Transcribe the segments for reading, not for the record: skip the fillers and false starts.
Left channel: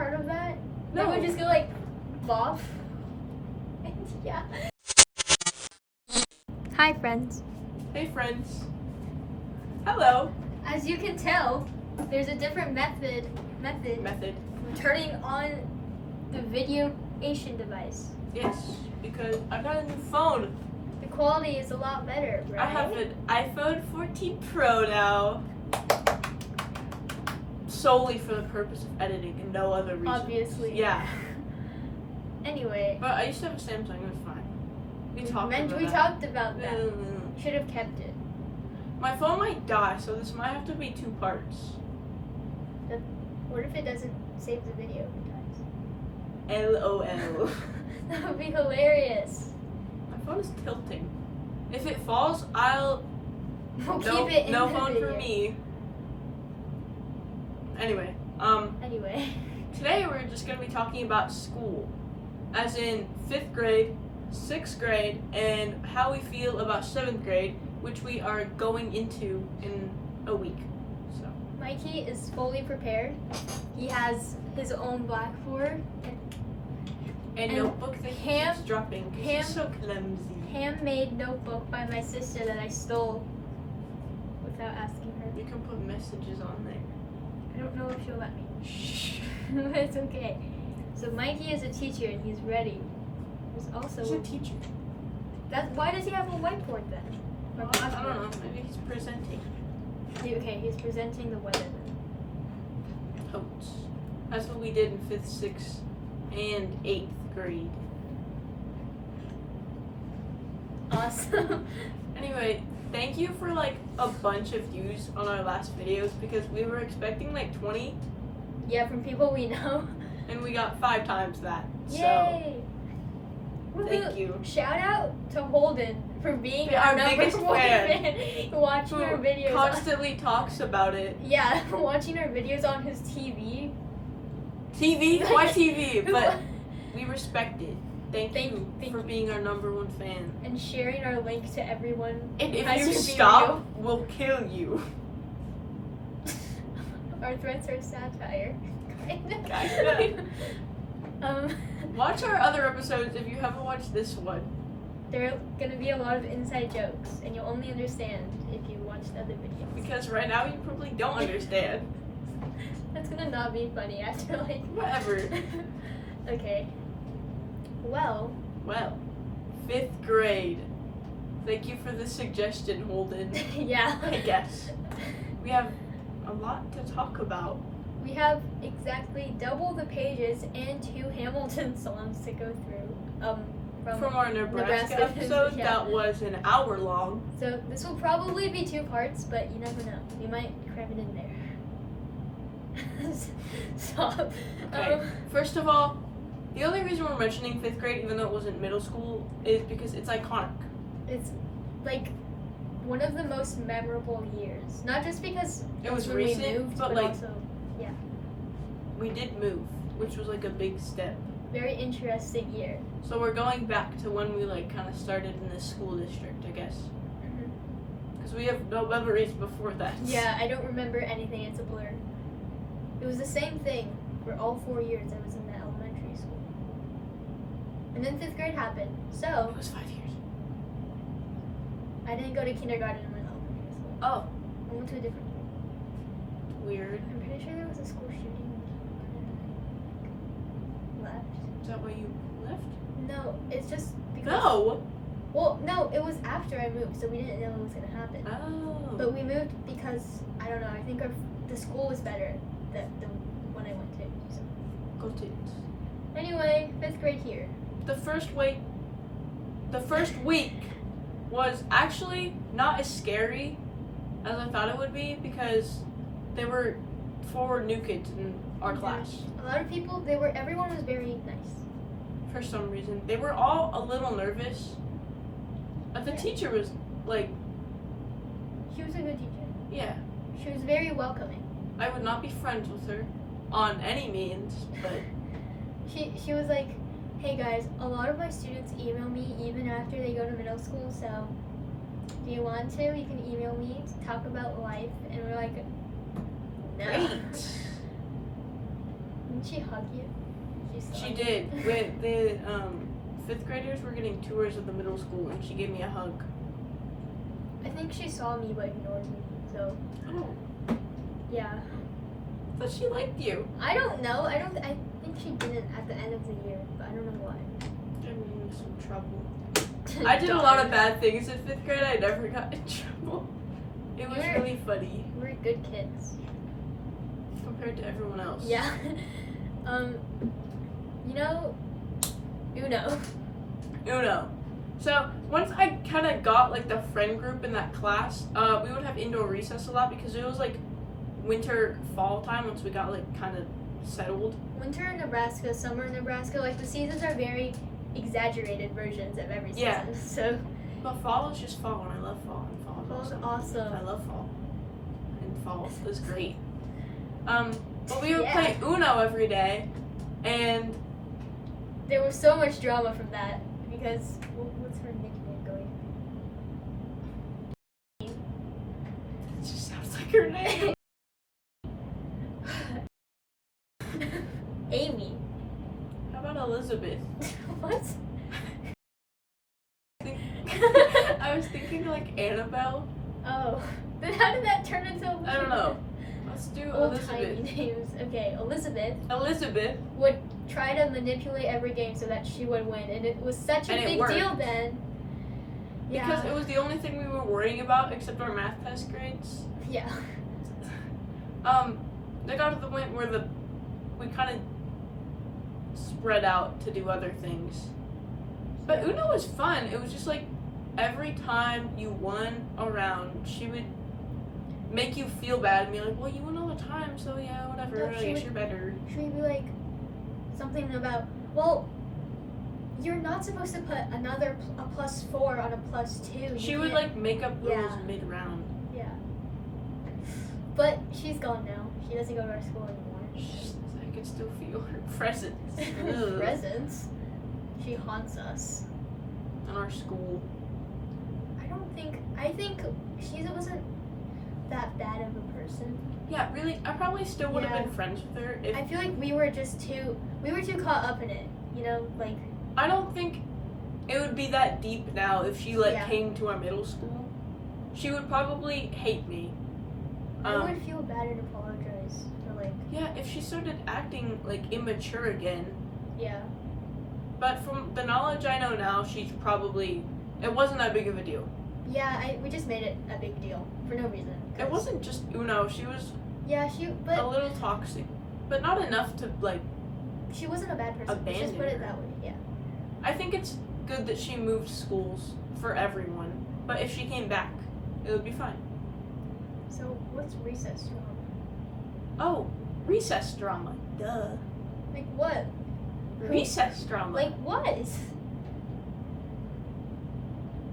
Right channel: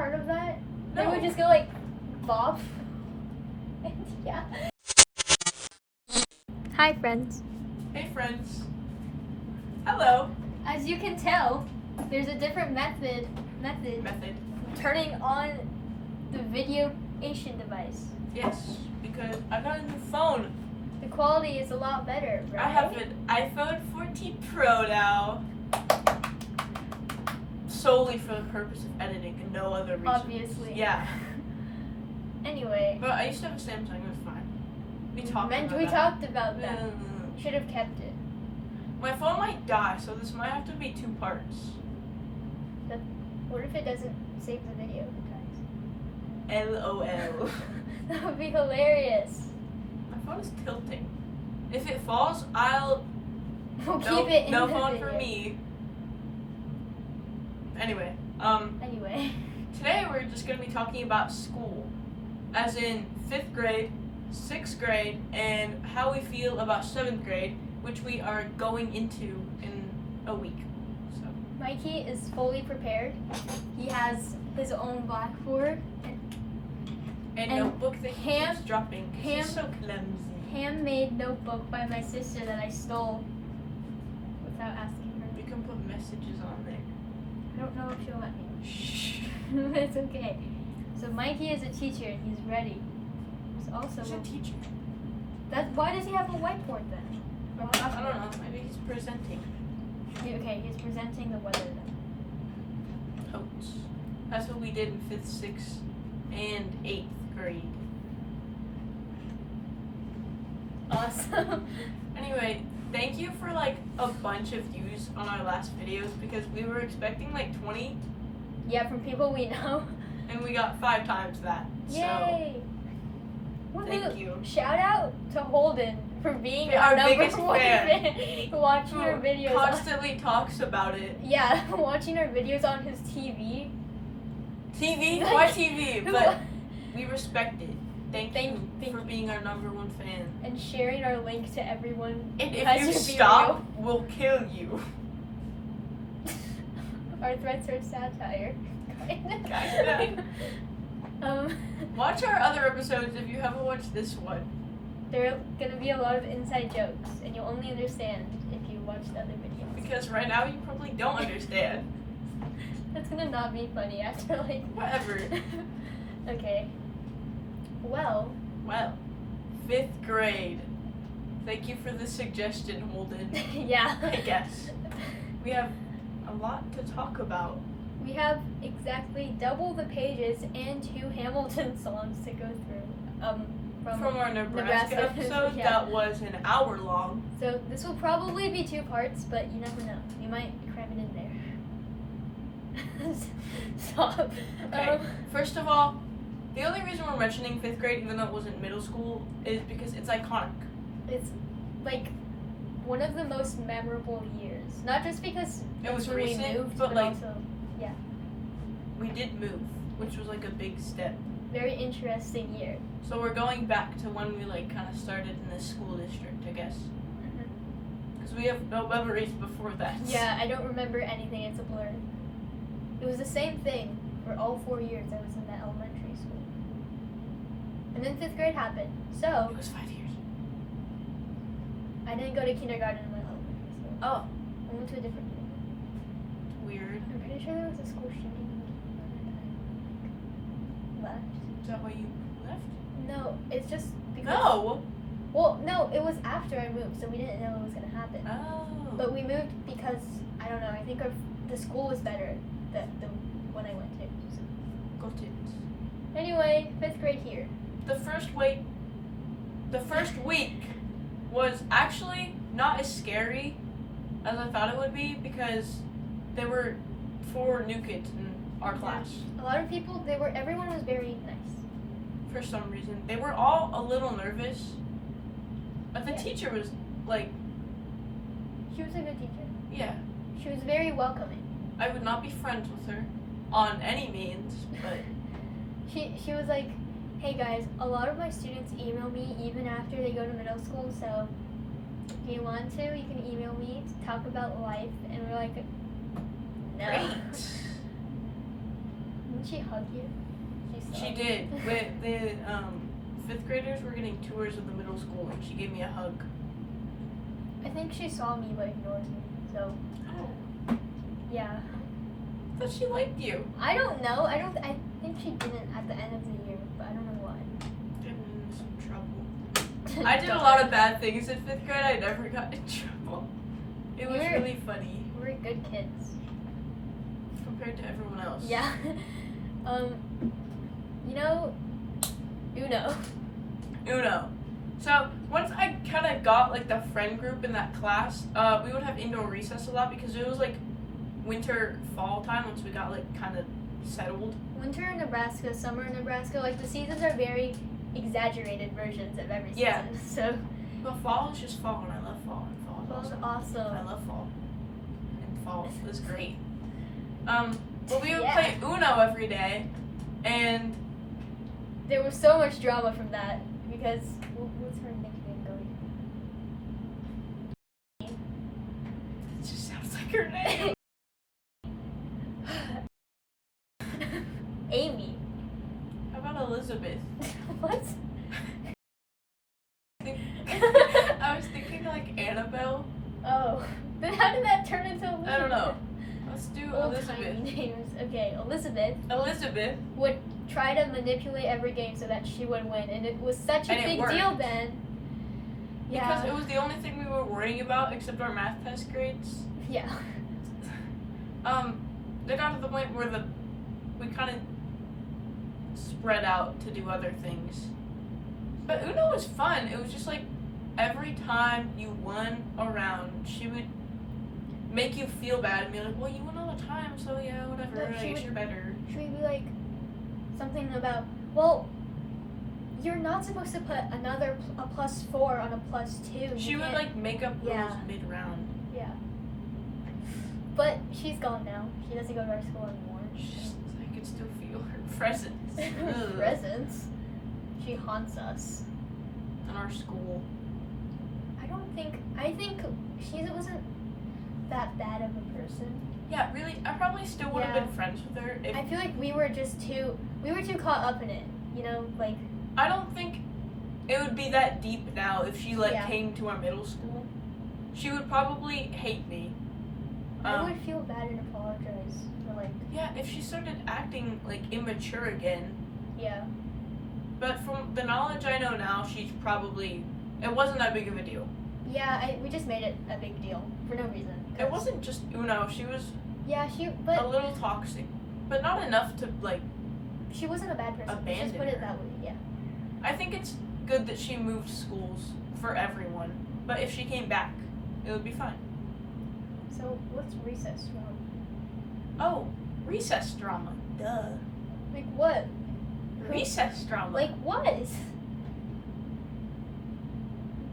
part of that? No. They would just go like, bop. Yeah. Hi, friends. Hey, friends. Hello. As you can tell, there's a different method turning on the videoation device. Yes, because I got a new phone. The quality is a lot better, right? I have an iPhone 14 Pro now. Solely for the purpose of editing and no other reason. Obviously. Yeah. Anyway. But I used to have a Samsung, it was fine. We talked about that. Should have kept it. My phone might die, so this might have to be 2 parts. What if it doesn't save the video if it dies? LOL. That would be hilarious. My phone is tilting. If it falls, We'll keep it in no the phone video. for me. Anyway, today we're just gonna be talking about school, as in 5th grade, 6th grade, and how we feel about 7th grade, which we are going into in a week. So Mikey is fully prepared. He has his own blackboard and notebook that he's dropping. He's so clumsy. Handmade notebook by my sister that I stole without asking her. You can put messages on there. I don't know if she'll let me. Shh. It's okay. So Mikey is a teacher and he's ready. He's also He's a teacher. Why does he have a whiteboard then? I don't know. Maybe he's presenting. Okay, he's presenting the weather then. Totes. That's what we did in 5th, 6th, and 8th grade. Awesome. Anyway, thank you for like a bunch of views on our last videos because we were expecting like 20. Yeah, from people we know. And we got 5 times that. Yay! So, thank you. Shout out to Holden for being Our our number biggest one fan. watching our videos. Constantly talks about it. Yeah, watching our videos on his TV. TV? Why TV? But we respect it. Thank you for you. being our number 1 fan. And sharing our link to everyone. And if Has you to be stop, we'll kill you. Our threats are satire. Kinda. Watch our other episodes if you haven't watched this one. There are gonna be a lot of inside jokes, and you'll only understand if you watch the other videos. Because right now you probably don't understand. That's gonna not be funny after like Whatever. Okay. Well, 5th grade. Thank you for the suggestion, Holden. yeah. I guess. We have a lot to talk about. We have exactly double the pages and 2 Hamilton songs to go through. From our Nebraska episode that was an hour long. So this will probably be 2 parts, but you never know. You might cram it in there. Stop. Okay. First of all, the only reason we're mentioning 5th grade, even though it wasn't middle school, is because it's iconic. It's like one of the most memorable years. Not just because it was when recent, we moved, but like also, yeah. We did move, which was like a big step. Very interesting year. So we're going back to when we like kind of started in this school district, I guess. Because we have no memories before that. Yeah, I don't remember anything. It's a blur. It was the same thing for all 4 years I was in that elementary school. And then 5th grade happened. So It was 5 years. I didn't go to kindergarten in my elementary school. Oh. I went to a different school. Weird. I'm pretty sure there was a school shooting in kindergarten and I left. Is that why you left? No, it's just because. No. Well, no, it was after I moved, so we didn't know it was gonna happen. Oh. But we moved because I don't know. I think the school was better the one I went to. So. Go tits. Anyway, 5th grade here. The first week was actually not as scary as I thought it would be because there were 4 new kids in our class. A lot of people. Everyone was very nice. For some reason, they were all a little nervous. But the teacher was like, She was a good teacher. yeah. She was very welcoming. I would not be friends with her on any means, but She was like, hey guys, a lot of my students email me even after they go to middle school, so if you want to, you can email me to talk about life. And we're like, no. great. Didn't she hug you? She did. With the 5th graders were getting tours of the middle school, and she gave me a hug. I think she saw me but ignored me. So. Oh. Yeah. I thought she liked you. I don't know. I think she didn't at the end of the year, but I don't know why. Get me in some trouble. I did a lot of bad things in 5th grade. I never got in trouble. It was really funny. We were good kids. Compared to everyone else. Yeah. You know, Uno. So once I kind of got like the friend group in that class, we would have indoor recess a lot because it was like winter, fall time once we got like kind of settled. Winter in Nebraska, summer in Nebraska, like the seasons are very exaggerated versions of every season. Yeah. So. But fall is just fall, and I love fall. And fall is awesome. I love fall. And fall is great. But we would play Uno every day, and there was so much drama from that because what's her nickname going? It just sounds like her name. Amy. How about Elizabeth? What? I was thinking like Annabelle. Oh, then how did that turn into Elizabeth? I don't know. Let's do Old Elizabeth. timey names. Okay, Elizabeth would try to manipulate every game so that she would win, and it was such a big deal then. Yeah. Because it was the only thing we were worrying about except our math test grades. Yeah. They got to the point where we kind of spread out to do other things. But Uno was fun. It was just like every time you won a round, she would make you feel bad and be like, well, you won all the time, so yeah, whatever, I guess you're better. She would be like something about, well, you're not supposed to put a +4 on a +2. She would like make up rules mid-round. Yeah. But she's gone now. She doesn't go to our school anymore. I can still feel her presence. Presence? She haunts us. In our school. I think she wasn't that bad of a person. Yeah, really, I probably still would have been friends with her if... I feel like we were too caught up in it, you know, like... I don't think it would be that deep now if she, came to our middle school. She would probably hate me. I would feel bad and apologize for, like... Yeah, if she started acting, immature again. Yeah. But from the knowledge I know now, she's probably... It wasn't that big of a deal. Yeah, we just made it a big deal for no reason. It wasn't just Uno. She was but a little toxic, but not enough to she wasn't a bad person. Abandon Just put it her. that way. Yeah. I think it's good that she moved schools for everyone, but if she came back, it would be fine. So what's recess drama? Oh, recess drama. Duh. Like what? Recess drama. Like what?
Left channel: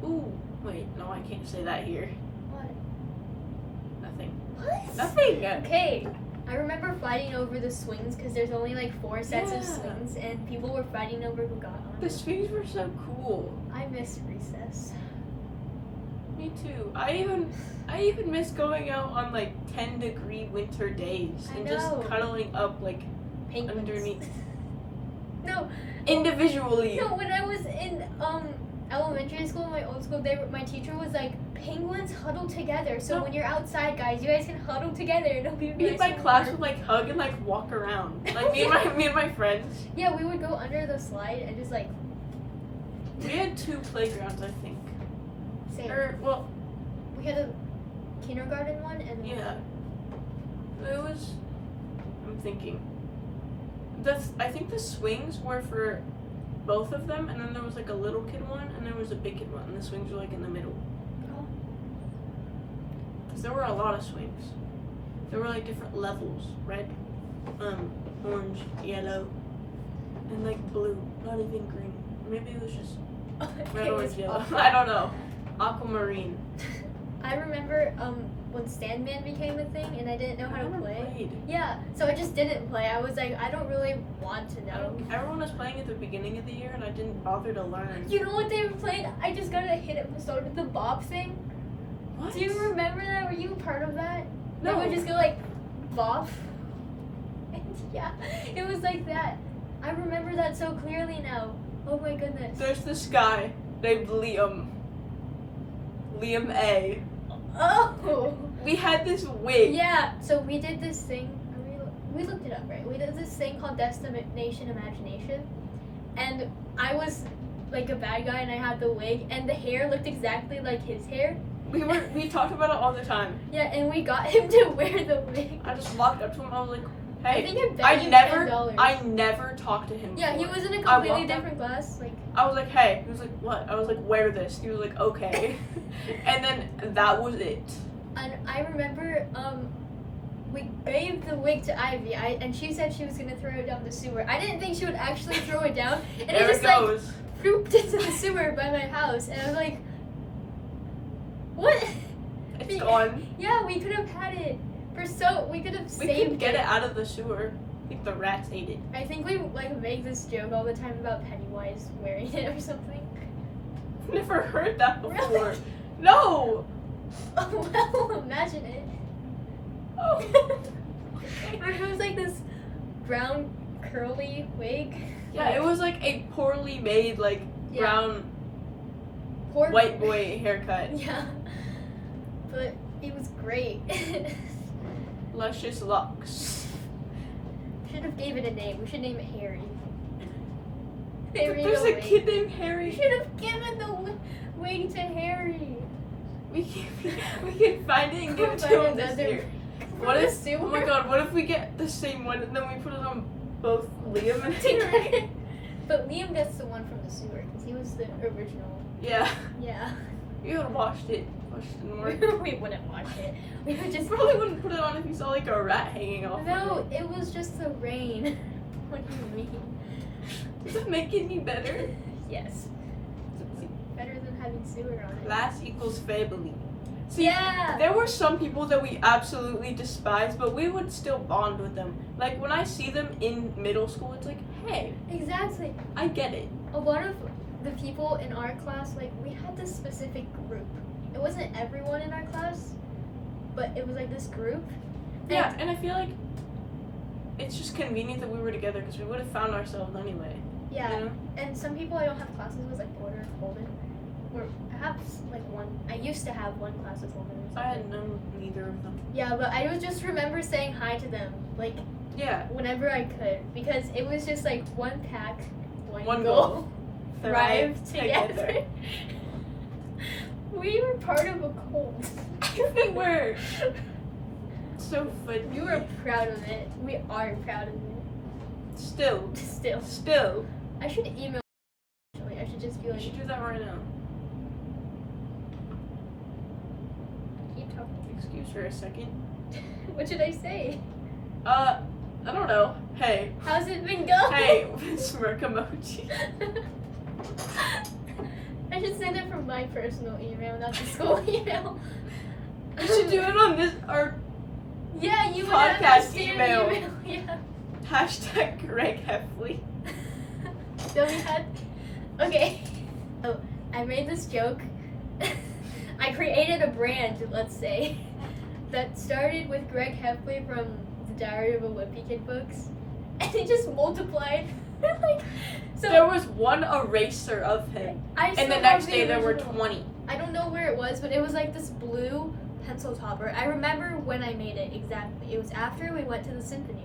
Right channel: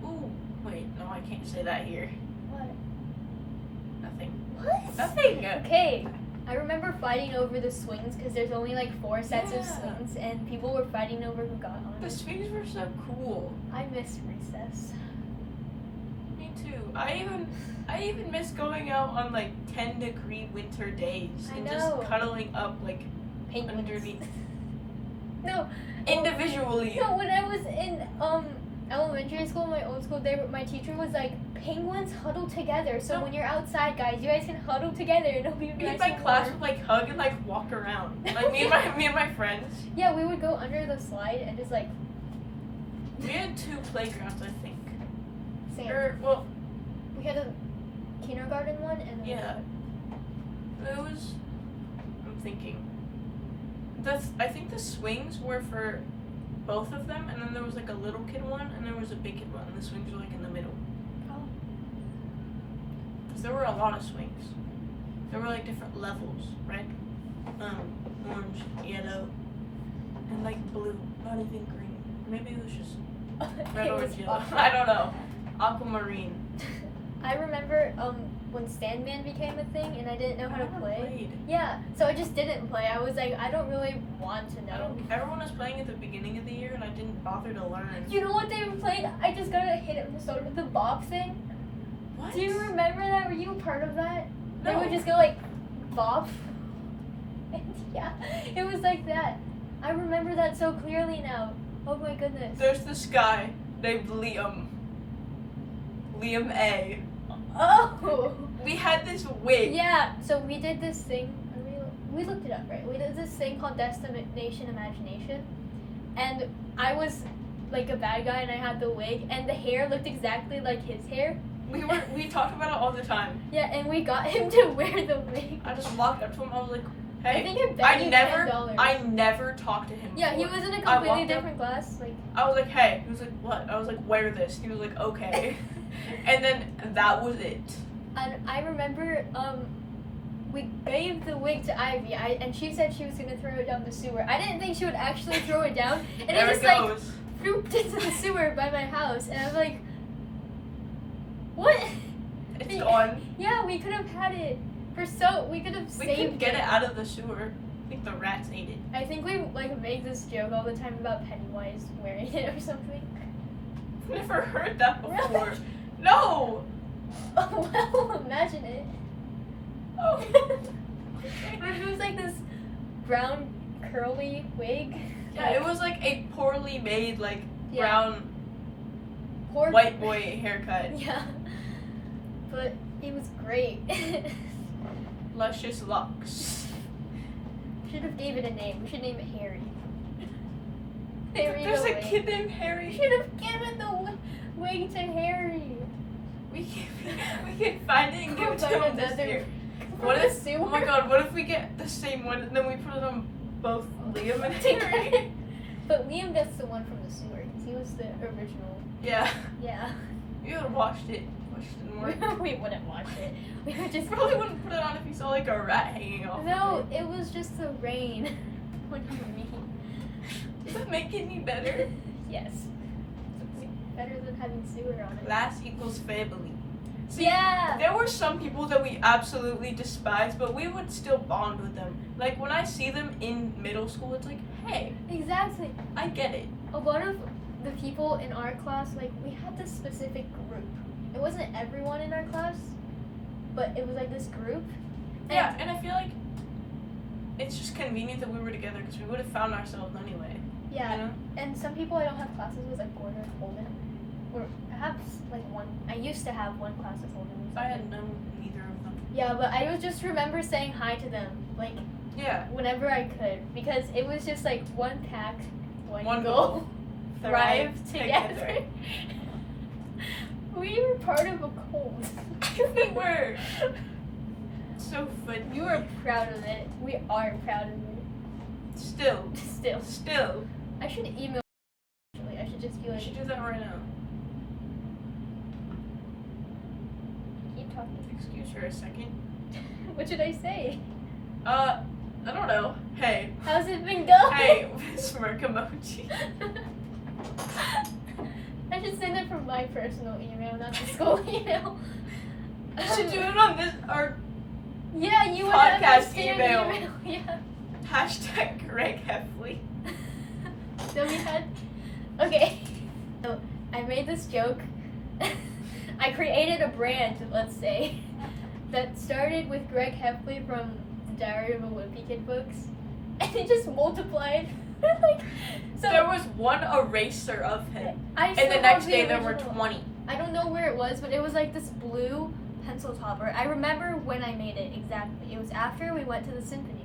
Ooh. Wait, no, I can't say that here. What? Nothing. What? Nothing. Okay. I remember fighting over the swings because there's only 4 sets of Yeah. swings, and people were fighting over who got on. The swings were so cool. I miss recess. Me too. I even miss going out on 10-degree winter days and just cuddling up Penguins. underneath. No. Individually. No, when I was in elementary school, my old school, my teacher was like, penguins huddle together. So when you're outside, guys, you guys can huddle together. It'll be nice. Me and my class would hug and walk around. Me and my friends. Yeah, we would go under the slide and just We had 2 playgrounds, I think. Same. We had a kindergarten one and then it was. I'm thinking. I think the swings were for both of them, and then there was a little kid one, and there was a big kid one, and the swings were in the middle. Oh. Cause there were a lot of swings. There were different levels: red, orange, yellow, and blue. Not even green. Maybe it was just red, orange, yellow. I don't know. Aquamarine. I remember when Sandman became a thing, and I didn't know how to play. Played. Yeah, so I just didn't play. I was like, I don't really want to know. Everyone was playing at the beginning of the year, and I didn't bother to learn. You know what they played? I just got a hit episode with the bob thing. What? Do you remember that? Were you part of that? No. They would just go bob. And yeah, it was like that. I remember that so clearly now. Oh my goodness. There's this guy named Liam. Liam A. Oh! We had this wig. Yeah, so we did this thing. We looked it up, right? We did this thing called Destination Imagination. And I was like a bad guy and I had the wig. And the hair looked exactly like his hair. We talk about it all the time. Yeah, and we got him to wear the wig. I just walked up to him and I was like, hey. I think it bet you $10. I never talked to him Yeah, he before. was in a completely different class. Like, I was like, hey. He was like, what? I was like, wear this. He was like, okay. And then that was it. and I remember we gave the wig to Ivy, and she said she was gonna throw it down the sewer. I didn't think she would actually throw it down, and There it just goes. like flooped into the sewer by my house, and I was like, what? It's gone. Yeah, we could have had it we could have We saved could get it out of the sewer. I think the rats ate it. I think we like make this joke all the time about Pennywise wearing it or something. I've never heard that before. Really? No! Oh well, imagine it. Oh. It was like this brown curly wig. Yeah, it was like a poorly made, like, Yeah. brown Poor white boy haircut. Yeah, but it was great. Luscious locks. Should have gave it a name. We should name it Harry. Harry There's the a wig. kid named We Harry. should have given the wig to Harry. We can find it and give it to Find him this another- year. from What the if? sewer. Oh my god! What if we get the same one and then we put it on both Liam and Harry? together? But Liam gets the one from the sewer because he was the original. Yeah. Yeah. You would have watched it. Watched it more. We wouldn't watch it. We would just. Probably wouldn't put it on if you saw like a rat hanging off. No, of it. it was just the rain. What do you mean? Does it make it any better? Yes. Better than having sewer on it. Class equals family. See, Yeah. there were some people that we absolutely despised, but we would still bond with them. Like when I see them in middle school, it's like, hey, Exactly. I get it. A lot of the people in our class, like, we had this specific group. It wasn't everyone in our class, but it was like this group. Yeah, and I feel like it's just convenient that we were together because we would have found ourselves anyway. Yeah. You know? And some people I don't have classes with, like Porter and Holden. Or I have like one. I used to have one class with Holden. Or I had something. known neither of them. Yeah, but I would just remember saying hi to them, like Yeah. whenever I could, because it was just like one pack, one Goal. goal. Thrive together. We were part of a cult. We were. So funny. We were proud of it. We are proud of it. Still. Still. I should email. Actually, I should just be We like, should do that right now. keep talking. Excuse for a second. What should I say? I don't know. Hey. How's it been going? Hey, smirk emoji. I should send it from my personal email, not the school email. You should do it on this, our Yeah, you would podcast understand the email. Yeah. hashtag Greg Heffley. So we had. Okay. So I made this joke. I created a brand, let's say, that started with Greg Heffley from the Diary of a Wimpy Kid books, and it just multiplied. Like, so There was one eraser of him, I and still the have next the day there were original. 20. I don't know where it was, but it was like this blue pencil topper. I remember when I made it exactly. It was after we went to the symphony.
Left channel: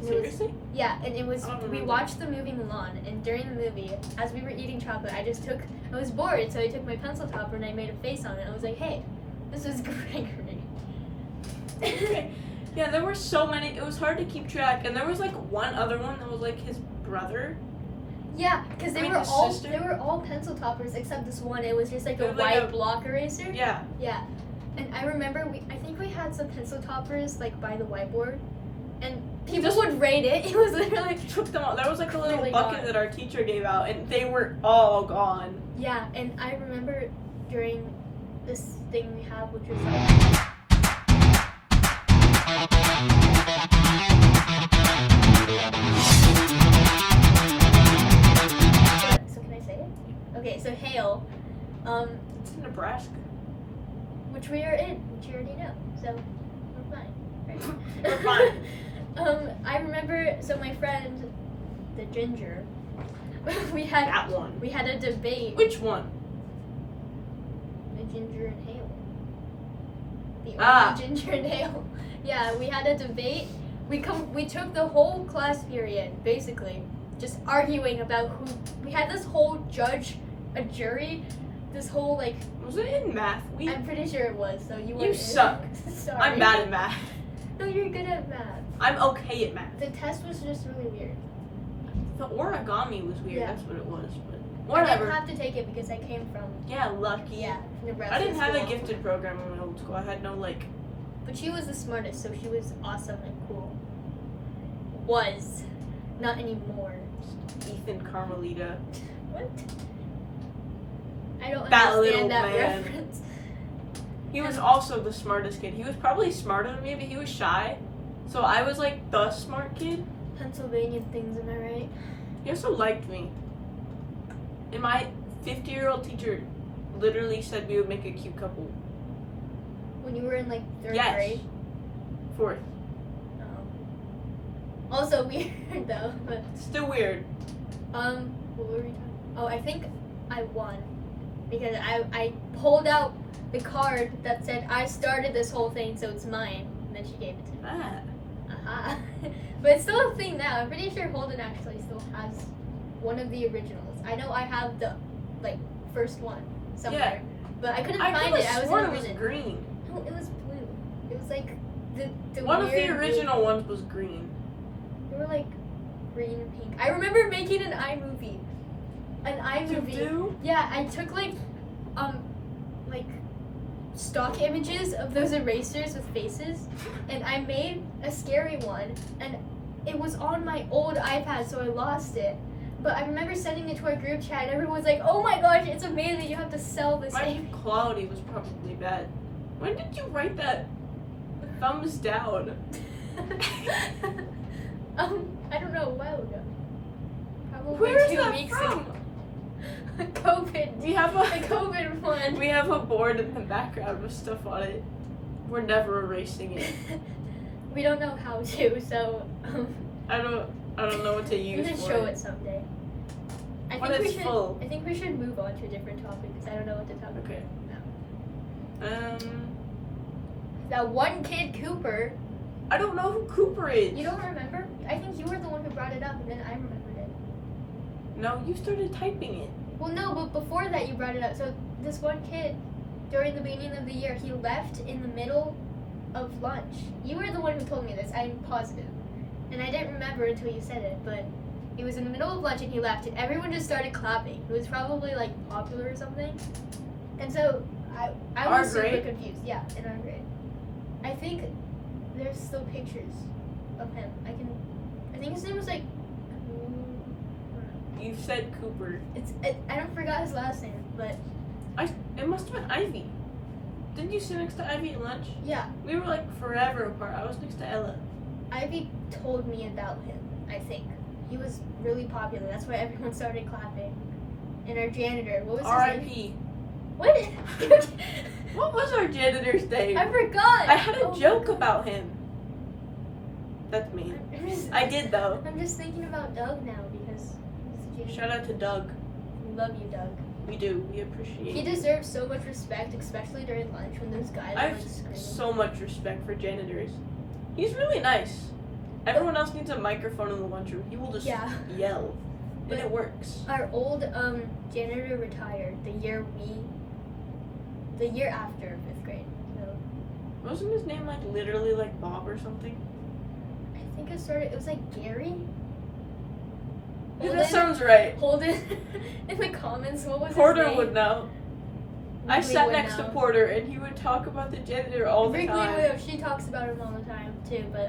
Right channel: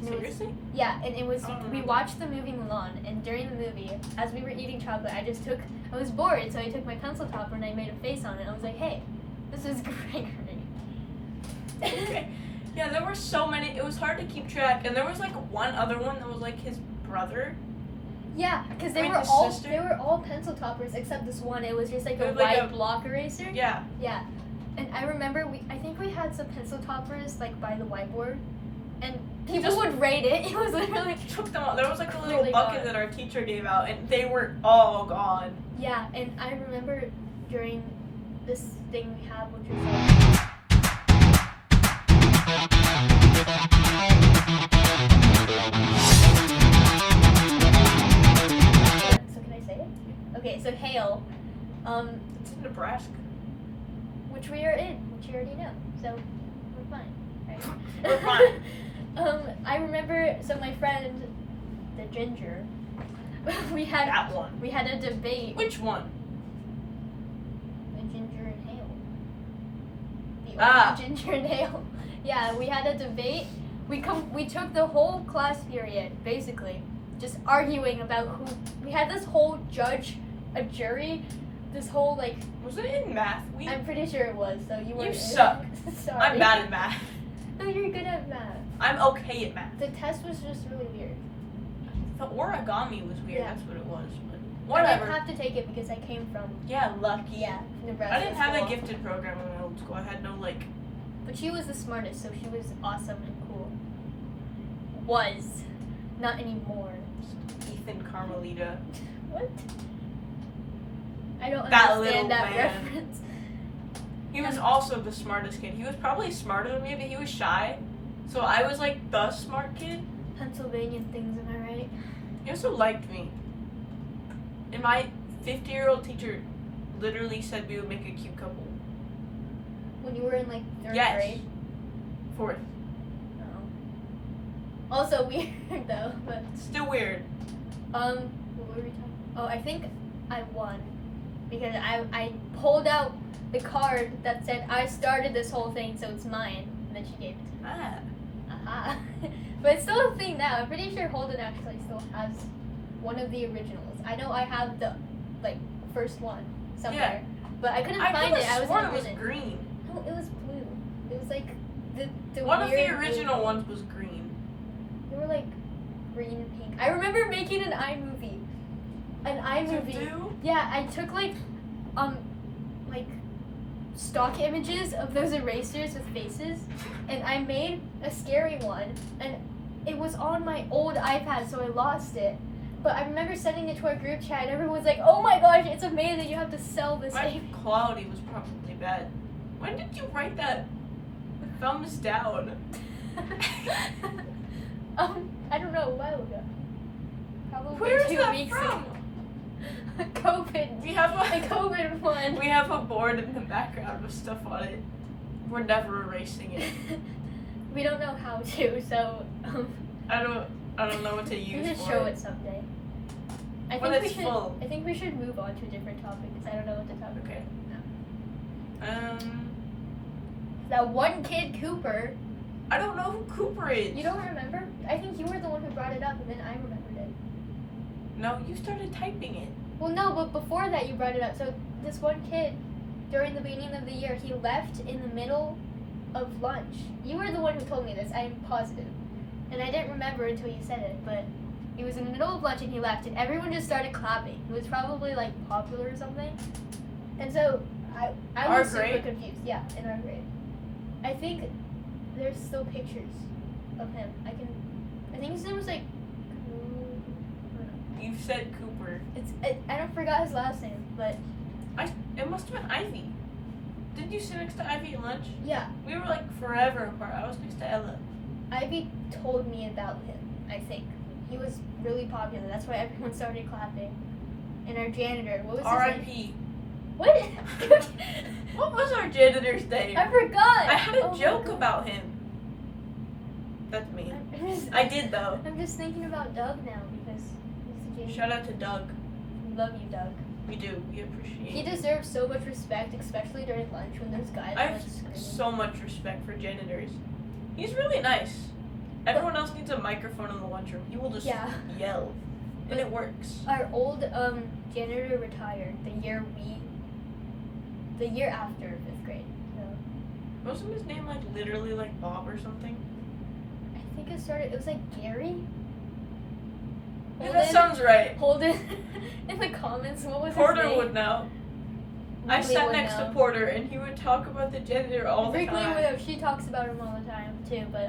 And it was- Seriously? Yeah, and it was, I don't we remember. watched the movie Mulan, and during the movie, as we were eating chocolate, I was bored, so I took my pencil topper and I made a face on it. I was like, hey, this is Gregory. Okay. Yeah, there were so many. It was hard to keep track, and there was like one other one that was like his brother. Yeah, because I mean, his sister? they were all pencil toppers except this one. It was just like It a was like white a- block eraser. Yeah. Yeah, and I remember I think we had some pencil toppers like by the whiteboard, and people just- would rate it. It was literally Took them all. There was like a little Clearly bucket gone. that our teacher gave out, and they were all gone. yeah. And I remember during this thing we have, which was like. So can I say it? Okay, so hail, It's in Nebraska. which we are in, which you already know. So we're fine, right? We're fine. I remember. So my friend, the ginger, we had That one. we had a debate. Which one? The ginger and Hale. The Ah. only ginger and Hale. Yeah, we had a debate. We took the whole class period basically just arguing about who. We had this whole a jury, this whole like. Was it in math? I'm pretty sure it was. So you were. You suck. Sorry. I'm bad at math. No, you're good at math. I'm okay at math. The test was just really weird. The origami was weird. Yeah. That's what it was. But I whatever. didn't have to take it because I came from Yeah, lucky. Nebraska. I didn't have a school. gifted program in my old school. I had no like. But she was the smartest, so she was awesome and cool. Was, not anymore. Ethan Carmelita. What? I don't That little understand that man. reference. He was also the smartest kid. He was probably smarter than me, but he was shy. So I was like the smart kid. Pennsylvania things, am I right? He also liked me. And my 50-year-old teacher literally said we would make a cute couple. When you were in like third Yes. grade. 4th. Oh. Also weird though, but Still weird. what were we talking? Oh, I think I won because I pulled out the card that said I started this whole thing, so it's mine, and then she gave it to me. Ah. Aha. But it's still a thing now. I'm pretty sure Holden actually still has one of the originals. I know I have the like first one somewhere, but I couldn't find it. I was sworn in it was prison. green. No, it was blue. It was like the One of weird the original blue. ones was green. They were like green and pink. I remember making an iMovie. An iMovie. Do? Yeah, I took like stock images of those erasers with faces, and I made a scary one, and it was on my old iPad, so I lost it. But I remember sending it to our group chat, and everyone was like, "Oh my gosh, it's amazing! You have to sell this." My quality was probably bad. When did you write that? Thumbs down. I don't know, a while ago. Probably Where is 2 that weeks from? ago. COVID. We have The COVID one. We have a board in the background with stuff on it. We're never erasing it. We don't know how to, so I don't know what to we use should for show it someday. I When think we it's should. full. I think we should move on to a different topic because I don't know what to talk about. Okay. No. That one kid, Cooper. I don't know who Cooper is. You don't remember? I think you were the one who brought it up, and then I remembered it. No, you started typing it. Well, no, but before that you brought it up. So this one kid, during the beginning of the year, he left in the middle of lunch. You were the one who told me this. I'm positive, and I didn't remember until you said it. But he was in the middle of lunch and he left, and everyone just started clapping. He was probably like popular or something. And so I Our was super grade? confused. Yeah, in our grade. I think there's still pictures of him. I think his name was like. You said Cooper. I don't forgot his last name, but It must have been Ivy. Didn't you sit next to Ivy at lunch? yeah, We were like forever apart. I was next to Ella. Ivy told me about him. I think he was really popular. That's why everyone started clapping. And our janitor, what was his name? R.I.P. What? What was our janitor's name? I forgot. I had a Oh my joke God. about him. That's mean. I did though. I'm just thinking about Doug now because he's the janitor. Shout out to Doug. We love you, Doug. We do. We appreciate He it. deserves so much respect, especially during lunch when those guys I are like have screaming. so much respect for janitors. He's really nice. Everyone else needs a microphone in the lunchroom. He will just Yeah. yell. But it works. Our old janitor retired the year after 5th grade. So Wasn't his name like literally like Bob or something? I think it was like Gary. Yeah, that sounds right. Holden in the comments. What was Porter his name? would know. I Wrigley sat would next know. to Porter and he would talk about the janitor all the Wrigley time. would know. She talks about him all the time too. But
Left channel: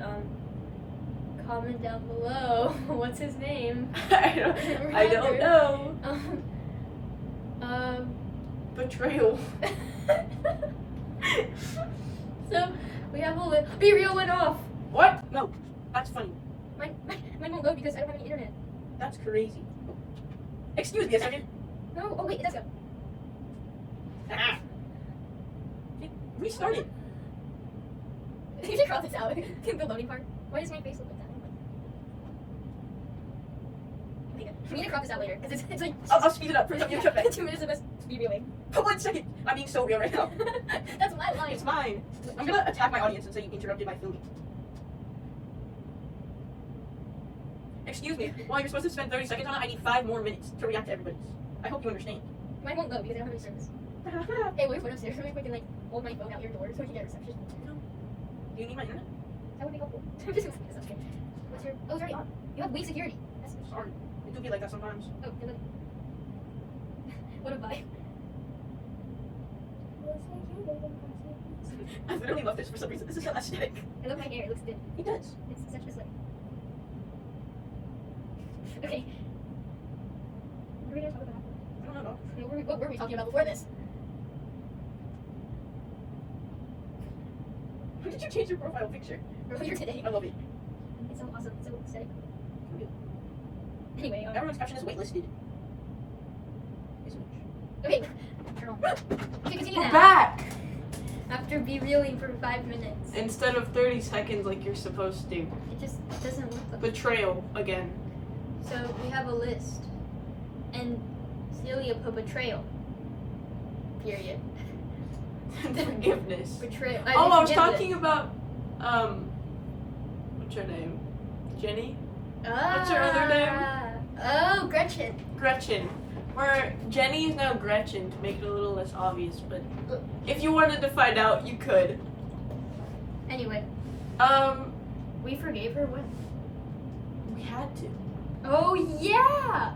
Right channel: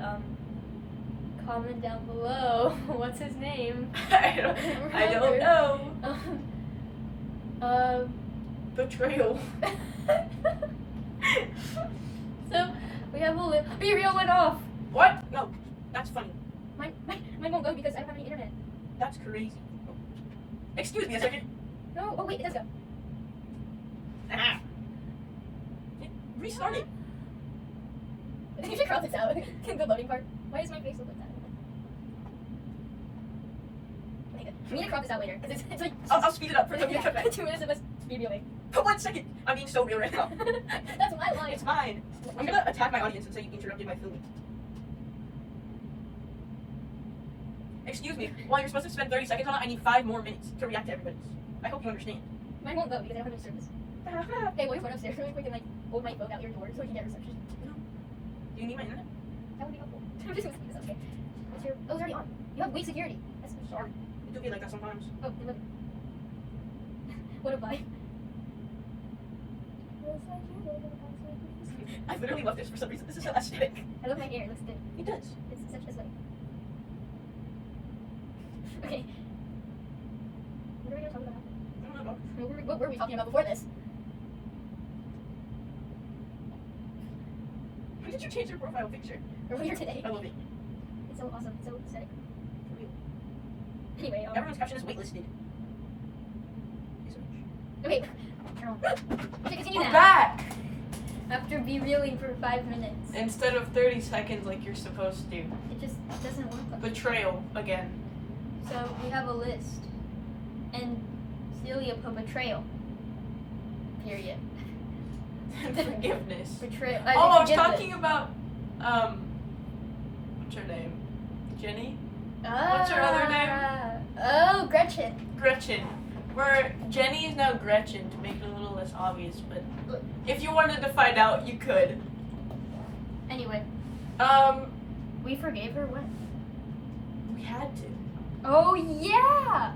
comment down below. What's his name? I don't know. Betrayal. So we have a Be Real went off. What? No. That's funny. Mine won't go because I don't have any internet. That's crazy. Excuse me a second. No. Oh wait, it does go. Ah. It restarted. You should cross this out. The loading part. Why does my face look like that? We need to crop this out later because it's like I'll speed it up for the cafe. 2 minutes of us be real. For 1 second. I'm being so real right now. That's my line. It's mine. I'm gonna attack my audience and say you interrupted my filming. Excuse me. While you're supposed to spend 30 seconds on it, I need 5 more minutes to react to everybody's. I hope you understand. Mine won't go because I don't have any service. Hey, what if we're upstairs really quick and like hold my phone out your door so we can get reception? Do you need my internet? That would be helpful. I'm just gonna this, okay? What's your? Oh, it's already on. You have weak security. That's, Sorry. It do be like that sometimes. oh, you're living. What a vibe. I literally love this for some reason. This is so aesthetic. I love my hair. It looks good. It does. It's such a sweat. Okay. What are we gonna talk about? I don't know. What were we talking about before this? When did you change your profile picture? Earlier today. I love it. It's so awesome. It's so aesthetic. Anyway, Everyone's caption is waitlisted. okay. Okay, continue We're now. back! After be reeling for 5 minutes. Instead of 30 seconds like you're supposed to. It just doesn't work like Betrayal again. So we have a list. And Celia put betrayal. Period. Forgiveness. Betrayal. Oh, I was talking about, what's her name? Jenny? What's her other name? Oh, Gretchen. Gretchen. Where Jenny is now Gretchen to make it a little less obvious, but if you wanted to find out, you could. Anyway, we forgave her when? We had to. Oh, yeah!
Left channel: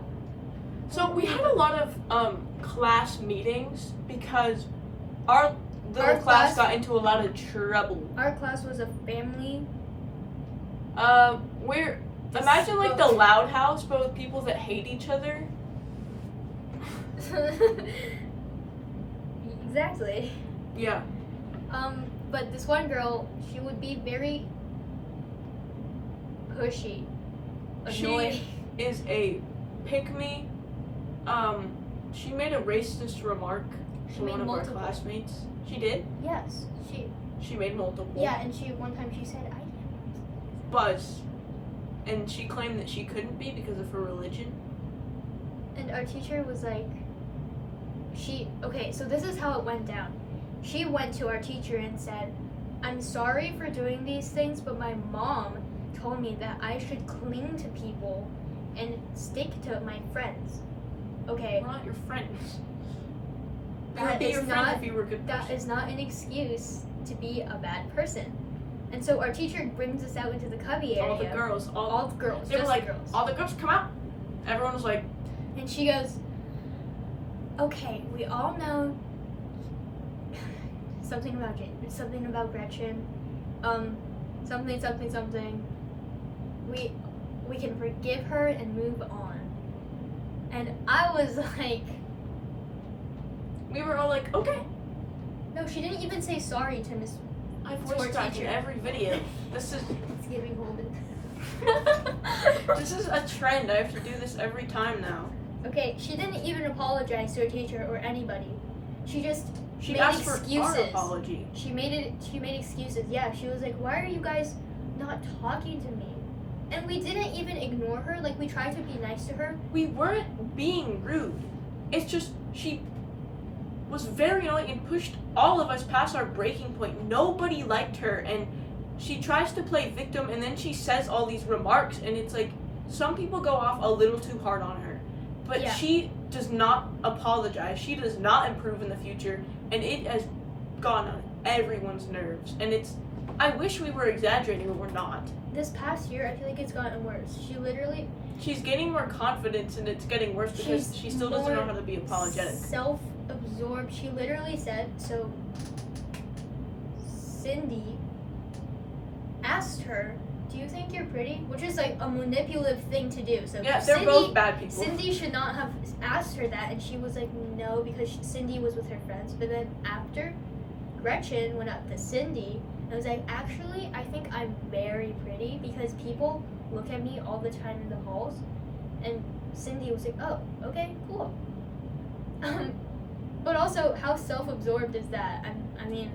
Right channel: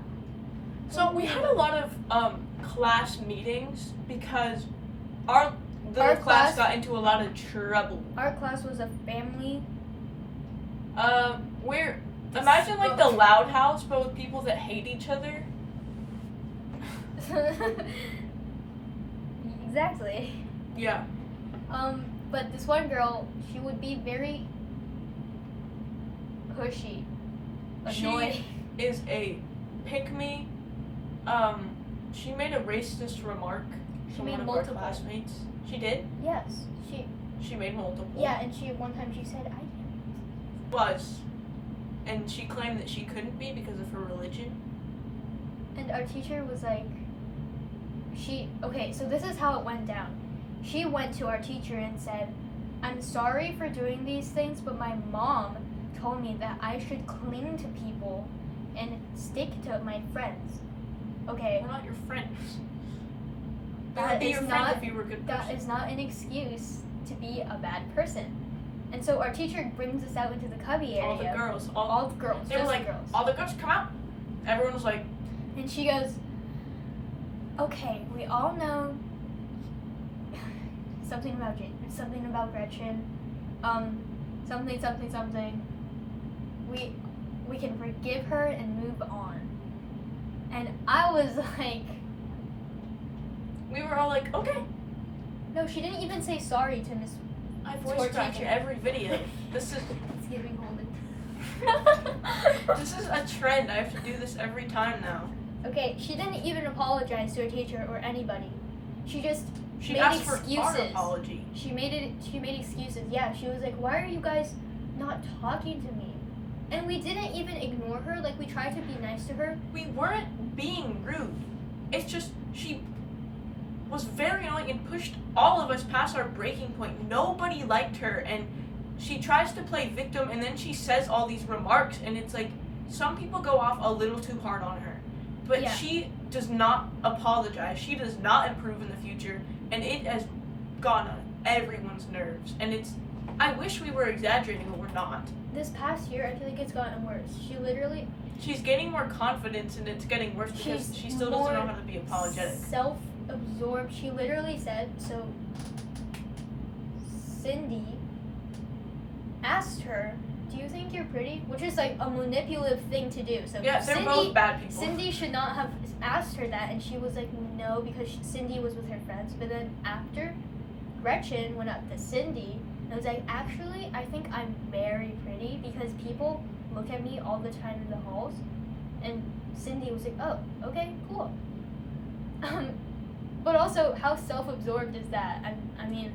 So we had a lot of class meetings because our Our class class- got into a lot of trouble. Our class was a family. We're imagine like the Loud House, but with people that hate each other. Exactly. Yeah. But this one girl, she would be very pushy, annoying. She is a pick-me. She made a racist remark She to made one of multiple. our classmates. She did? Yes, She made multiple. yeah, and one time she said, I Was. And she claimed that she couldn't be because of her religion. And our teacher was like, okay, so this is how it went down. She went to our teacher and said, I'm sorry for doing these things, but my mom told me that I should cling to people and stick to my friends. Okay, We're not your friends. We That would be is your not- friends if you were a good person. that is not an excuse to be a bad person. And so our teacher brings us out into the cubby area. All the girls. All the girls. They were just like, the girls. all the girls come out. Everyone was like, And she goes, okay, we all know something about Gretchen, something. We can forgive her and move on. And I was like, we were all like, okay. no, she didn't even say sorry to Miss I To our voice crack in teacher. every video. This is Thanksgiving woman. this is a trend. I have to do this every time now. Okay, she didn't even apologize to her teacher or anybody. She just She made asked for excuses. our apology. She made excuses. Yeah, she was like, why are you guys not talking to me? And we didn't even ignore her. Like, we tried to be nice to her. We weren't being rude. It's just she was very annoying and pushed all of us past our breaking point. Nobody liked her, and she tries to play victim, and then she says all these remarks, and it's like some people go off a little too hard on her. But Yeah. she does not apologize. She does not improve in the future, and it has gone on everyone's nerves. And I wish we were exaggerating, but we're not. This past year, I feel like it's gotten worse. She's gaining more confidence, and it's getting worse because She's she still doesn't more know how to be apologetic. Self-absorbed. She literally said, so Cindy asked her, do you think you're pretty? Which is like a manipulative thing to do. So Yeah, they're both bad people. Cindy should not have asked her that, and she was like, no, because Cindy was with her friends. But then after, Gretchen went up to Cindy and was like, actually, I think I'm very pretty because people look at me all the time in the halls. And Cindy was like, oh, okay, cool. But also, how self-absorbed is that? I mean,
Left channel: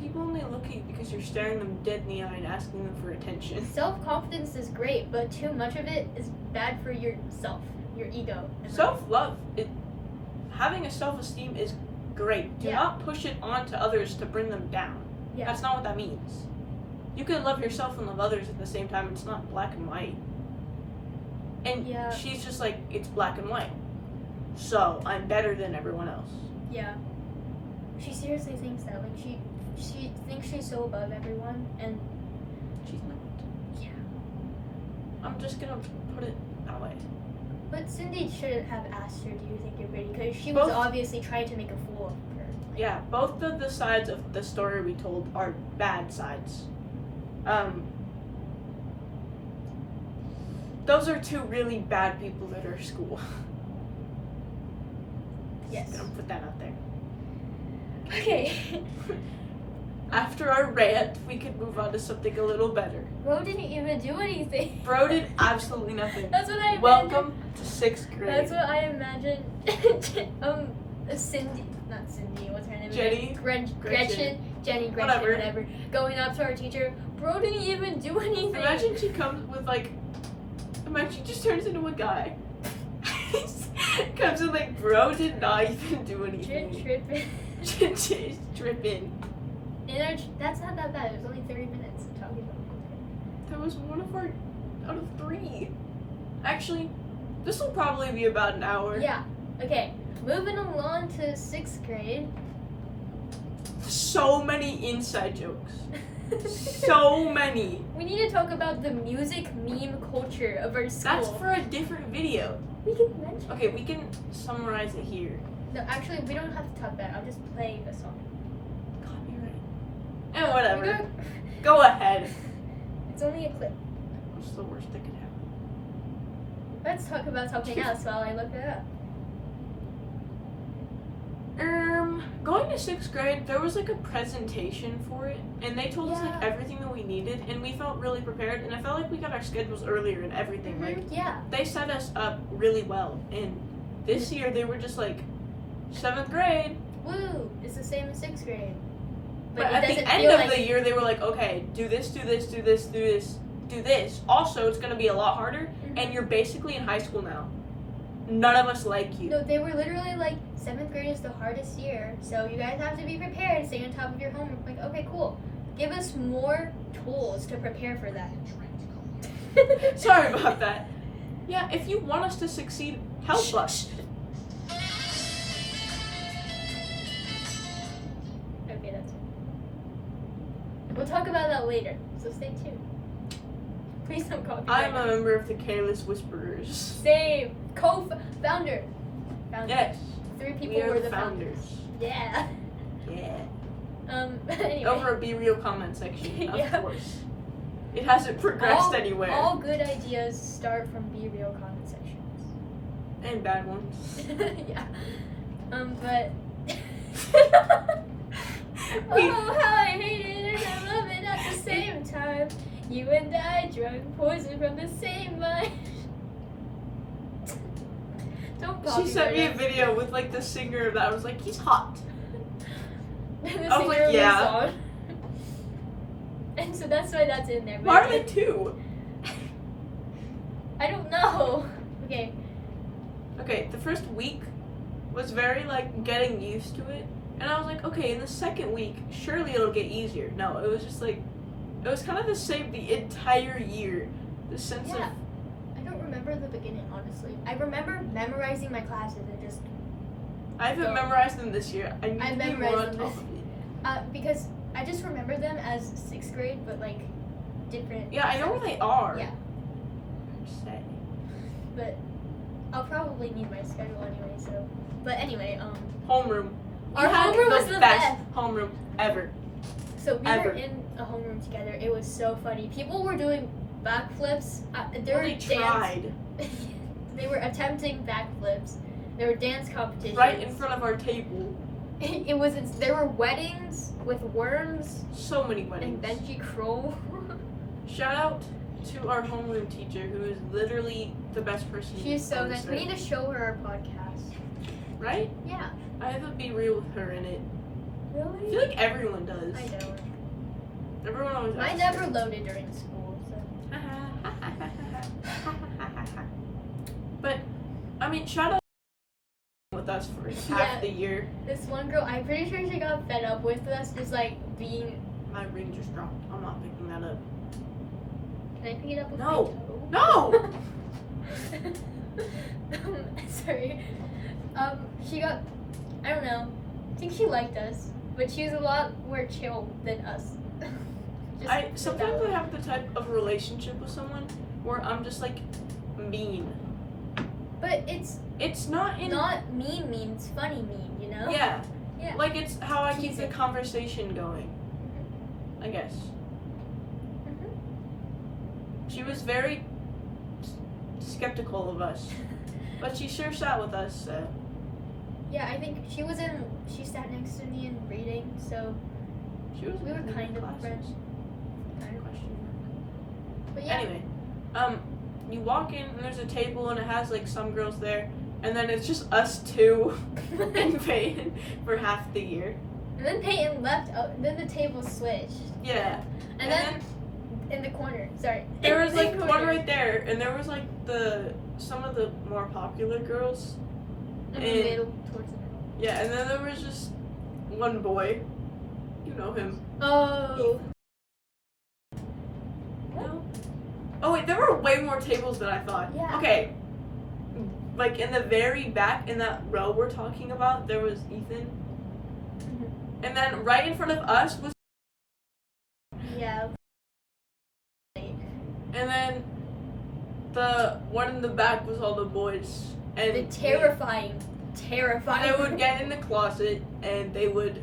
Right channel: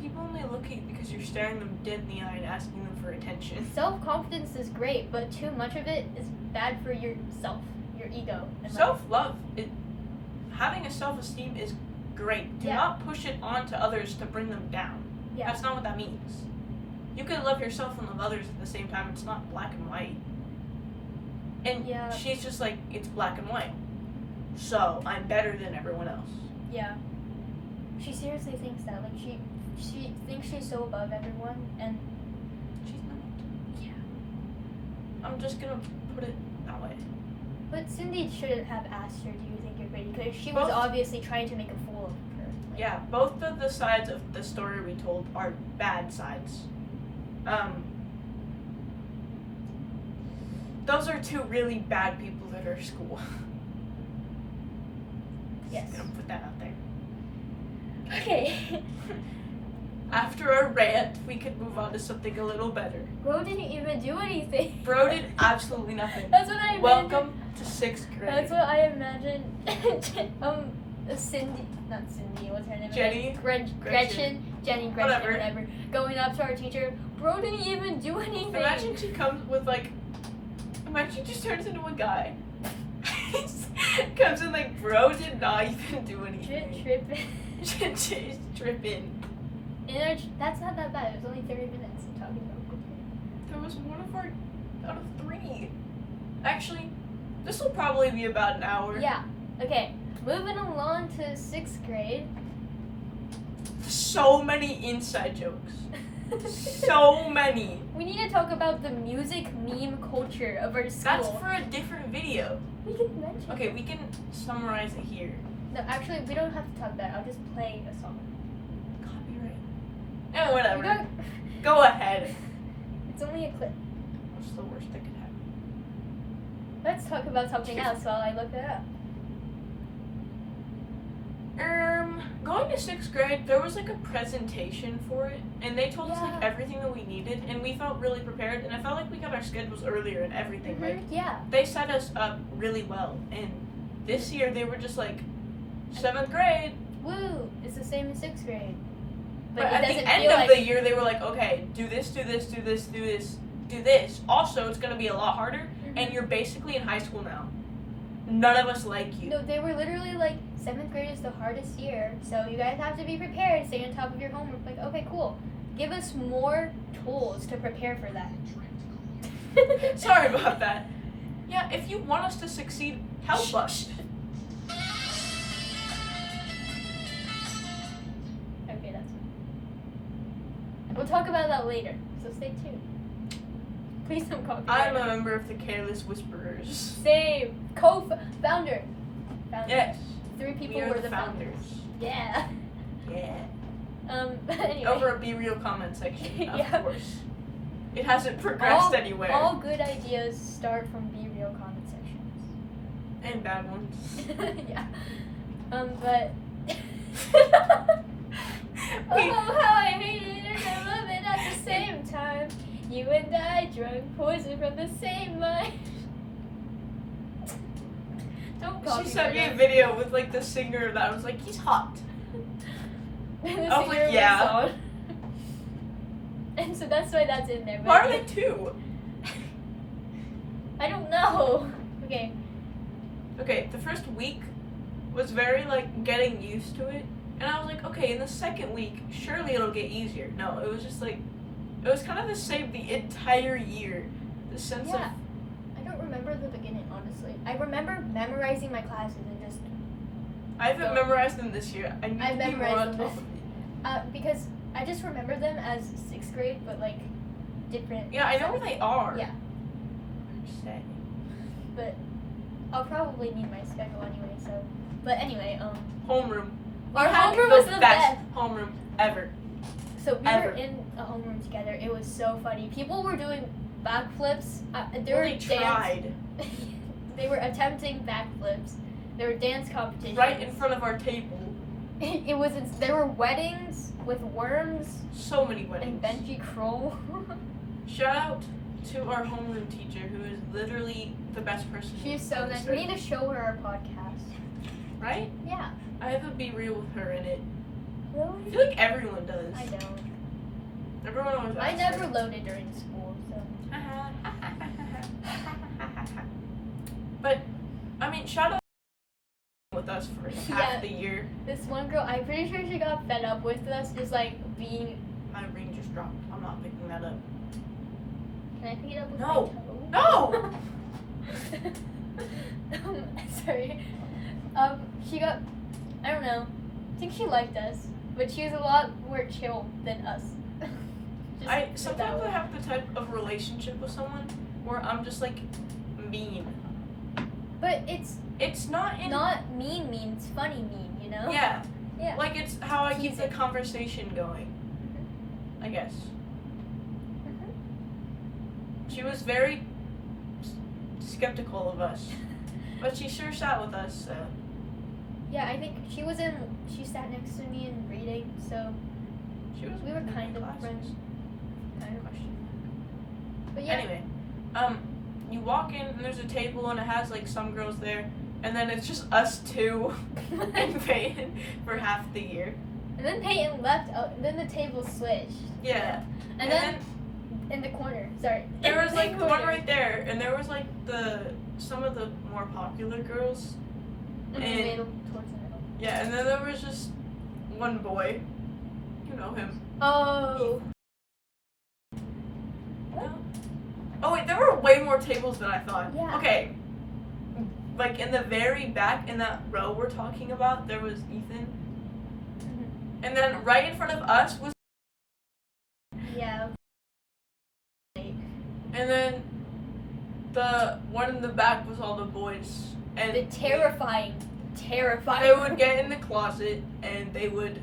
People only look at you because you're staring them dead in the eye and asking them for attention. self-confidence is great, but too much of it is bad for yourself. your ego. And Self-love, having a self-esteem is great. Do not push it onto others to bring them down. Yeah. That's not what that means. You can love yourself and love others at the same time. It's not black and white. And she's just like, it's black and white. So I'm better than everyone else. Yeah. She seriously thinks that. Like she thinks she's so above everyone, and she's not. Yeah. I'm just gonna put it that way. But Cindy shouldn't have asked her, "Do you think you're pretty?" Because she was obviously trying to make a fool of her. Like, yeah, both of the sides of the story we told are bad sides. Those are two really bad people at our school. Yes. Just gonna put that out there. Okay. After our rant, we could move on to something a little better. Bro didn't even do anything. Bro did absolutely nothing. That's what I imagined. Welcome to 6th grade. That's what I imagined. Cindy, not Cindy, what's her name? Jenny? Gretchen, Jenny, whatever. Going up to our teacher, bro didn't even do anything. Imagine she comes with imagine she just turns into a guy. Comes in like, bro did not even do anything. Tripping. Tripping. That's not that bad. It was only 30 minutes of talking about That was one of our out of 3. Actually, this will probably be about an hour. Yeah. Okay. Moving along to 6th grade. So many inside jokes. So many. We need to talk about the music meme culture of our school. That's for a different video. We can mention. Okay, we can summarize it here. No, actually, we don't have to talk about it. I'll just play a song. Copyright. Whatever. Go ahead. It's only a clip. What's the worst that could happen? Let's talk about something else while I look it up. Going to 6th grade, there was like a presentation for it, and they told us like everything that we needed, and we felt really prepared, and I felt like we got our schedules earlier and everything, right? Yeah. They set us up really well, and this year they were just like, 7th grade. Woo! It's the same as 6th grade. But at the end of the year, they were like, okay, do this, do this, do this, do this, do this. Also, it's going to be a lot harder, and you're basically in high school now. None of us like you. No, they were literally like, 7th grade is the hardest year, so you guys have to be prepared, stay on top of your homework. Like, okay, cool. Give us more tools to prepare for that. Sorry about that. Yeah, if you want us to succeed, help us. Okay, that's it. We'll talk about that later, so stay tuned. Please don't call me. I'm a member of the Careless Whisperers. Same. Co-founder. Yes. 3 people we are were the founders. Yeah. Yeah. Anyway. Over a Be Real comment section, of Yeah. course. It hasn't progressed anywhere. All good ideas start from Be Real comment sections. And bad ones. Yeah. But oh, how I hate it and love it at the same time. You and I drank poison from the same mind. Don't copy She sent me a video with like the singer that was like, he's hot. The I was like, yeah. And so that's why that's in there. Why are they 2? I don't know. Okay. Okay, the first week was very like getting used to it. And I was like, okay, in the second week, surely it'll get easier. No, it was just like, it was kind of the same the entire year. The sense of... I don't remember the beginning, honestly. I remember memorizing my classes and just... I haven't memorized them this year. I need to be more on top of it. Because I just remember them as 6th grade, but like different... Yeah, I know where they are. Yeah. But I'll probably need my schedule anyway, so... But anyway, Homeroom. Our homeroom was the best homeroom ever. So we were in a homeroom together. It was so funny. People were doing backflips. They tried. They were attempting backflips. There were dance competitions. Right in front of our table. There were weddings with worms. So many weddings. And Benji Kroll. Shout out to our homeroom teacher, who is literally the best person. She's so nice. We need to show her our podcast. Right? Yeah. I have a Be Real with her in it. Really? I feel like everyone does. I don't. Everyone always. I never loaded during school, so. But mean, shout out with us for half the year. This one girl, I'm pretty sure she got fed up with us just like being. My ring just dropped. I'm not picking that up. Can I pick it up with No. my toe? No! Sorry. She got, I don't know, I think she liked us, but she was a lot more chill than us. Sometimes I have the type of relationship with someone where I'm just like mean. But it's not mean, it's funny mean, you know? Yeah. Yeah. Like it's how I keep the Teasing. conversation going. Mhm. I guess. Mhm. She was very skeptical of us, but she sure sat with us. So. Yeah, I think she sat next to me in reading, so She was. we were in kind of classes. friends. Kind of. Question But yeah. Anyway, you walk in and there's a table and it has like some girls there, and then it's just us two and Peyton for half the year. And then Peyton left, and then the table switched. Yeah. And then in the corner, sorry. There was in like the corner. one right there, and there was like some of the more popular girls. In the and- middle, towards the middle. Yeah, and then there was just one boy. You know him. Oh. No? Oh wait, there were way more tables than I thought. Yeah. Okay. Like in the very back, in that row we're talking about, there was Ethan. Mhm. And then right in front of us was. Yeah. And then the one in the back was all the boys. And The terrifying. they would get in the closet and they would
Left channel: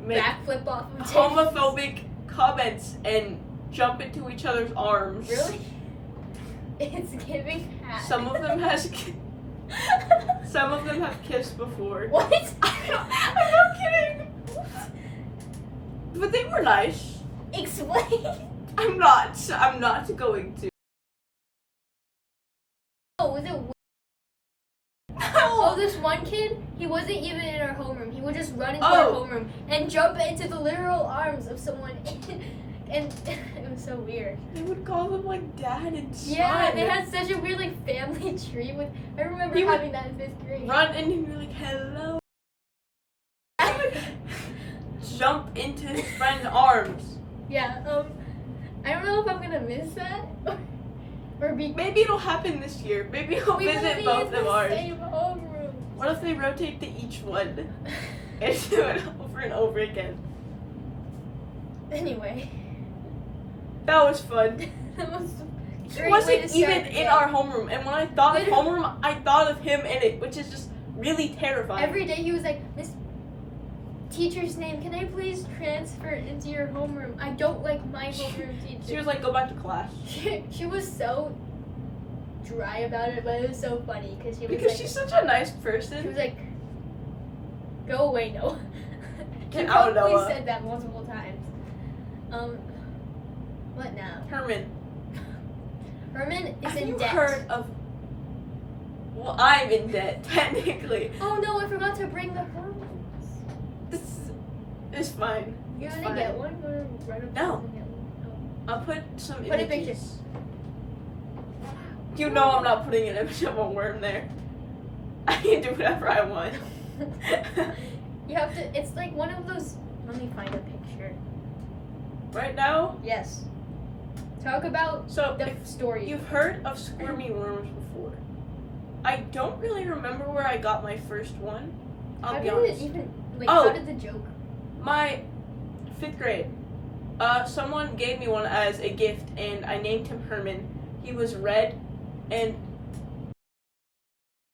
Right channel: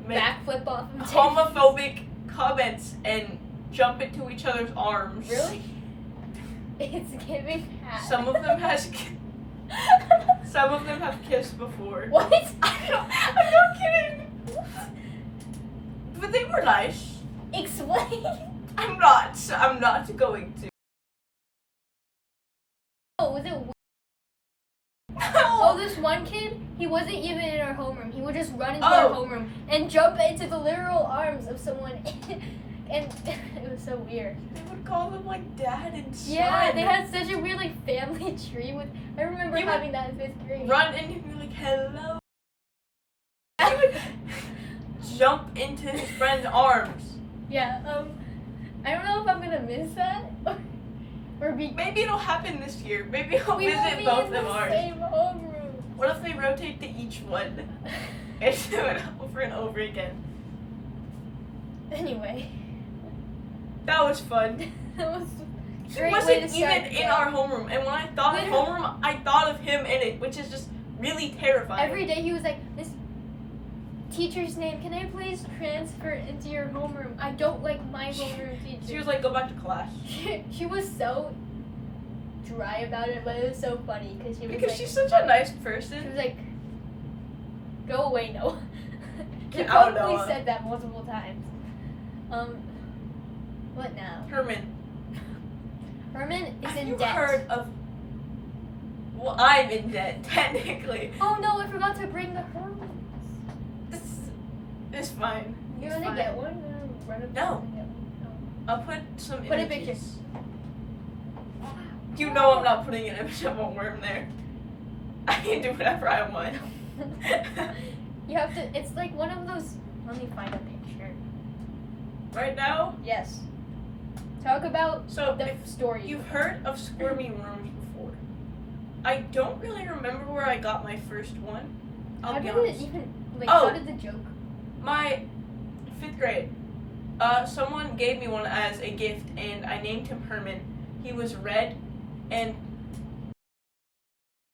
make backflip off of tables. homophobic comments and jump into each other's arms. Really? It's giving hat. Some of them have kissed before. What? I'm not kidding. But they were nice. Explain. I'm not going to. Oh, was it? Oh, this one kid, he wasn't even in our homeroom. He would just run into our homeroom and jump into the literal arms of someone. And it was so weird. They would call them like dad and son. Yeah, they had such a weird like family tree with. I remember He would having that in 5th grade. run in and be like, hello. He would jump into his friend's arms. Yeah. I don't know if I'm gonna miss that or be. Maybe it'll happen this year. Maybe we'll We won't visit be both in of the ours. same homeroom. What if they rotate to each one and do it over and over again? Anyway, That was fun. that was a It great way to wasn't start even the in day. our homeroom, and when I thought of Literally. homeroom, I thought of him in it, which is just really terrifying. Every day he was like, "Miss Teacher's name, can I please transfer into your homeroom? I don't like my homeroom teacher." She was like, "Go back to class," She was so dry about it, but it was so funny because she was because like, she's such a nice she was person. like, "Go away, Noah." She Get out, probably Noah. said that multiple times. What now? Herman, Herman is have in you debt. heard of? Well, I'm in debt technically. Oh no, I forgot to bring the Hermans. It's fine. You It's want to fine. get one? You want to run up No. and get one? I'll put some Put a images. picture. You know I'm not putting an image of a worm there. I can do whatever I want. You have to. It's like one of those. Let me find a picture. Right now, Yes. Talk about so the if story. you've heard of squirmy worms before. I don't really remember where I got my first one. How I'll be did honest. it even? Like, Oh. how did the joke? My 5th grade. Someone gave me one as a gift, and I named him Herman. He was red, and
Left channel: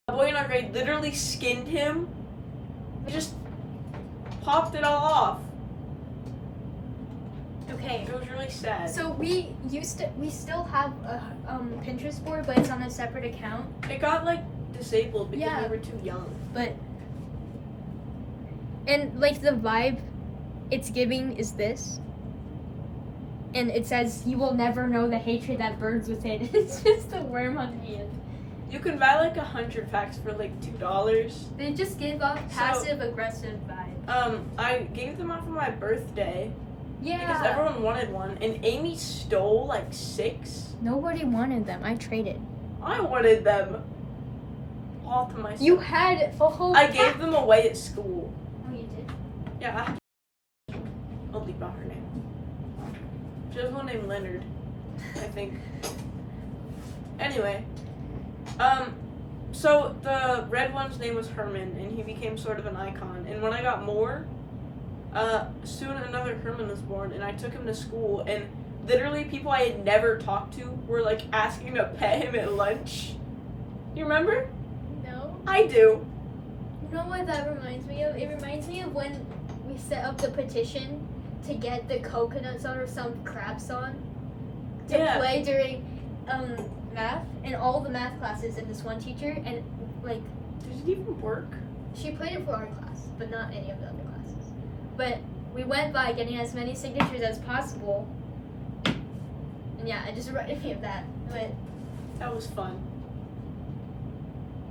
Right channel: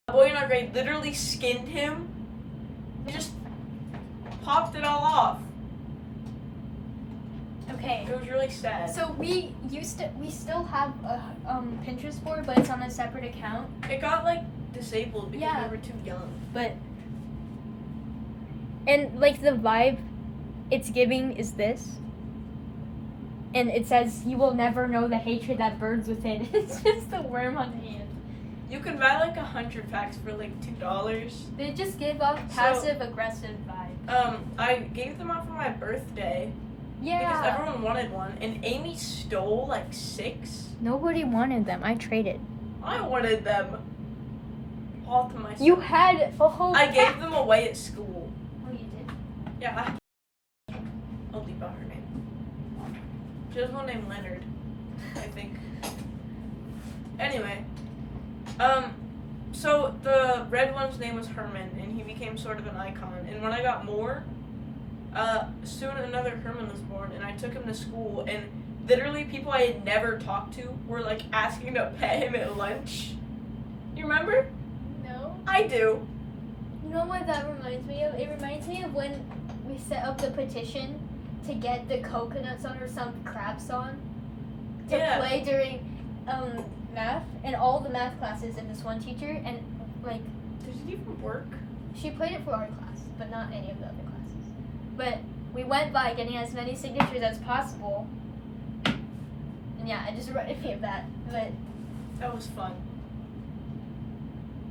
a boy in our grade literally skinned him. He just popped it all off. Okay. It was really sad. So we still have a Pinterest board, but it's on a separate account. It got like disabled because Yeah. we were too young. But and like the vibe it's giving is this. And it says you will never know the hatred that burns within. It's just a worm on the end. You can buy like 100 packs for like $2. They just give off passive aggressive vibe. I gave them out for my birthday because Yeah. everyone wanted one, and Amy stole like 6. Nobody wanted them. I traded. I wanted them. all to myself. You had a whole I gave them away at school. Oh, you did? Yeah, I'll leave out her name. She has one named Leonard, I think. Anyway, so the red one's name was Herman, and he became sort of an icon. And when I got more, soon another Herman was born, and I took him to school, and literally people I had never talked to were like asking to pet him at lunch. You remember? No. I do. You know what that reminds me of? It reminds me of when we set up the petition to get the Coconut song or some crap song to play during math, and all the math classes and this one teacher, and like, did it even work? She played it for our class, but not any of the other classes. But we went by getting as many signatures as possible, and yeah, it just reminded me of that. But that was fun.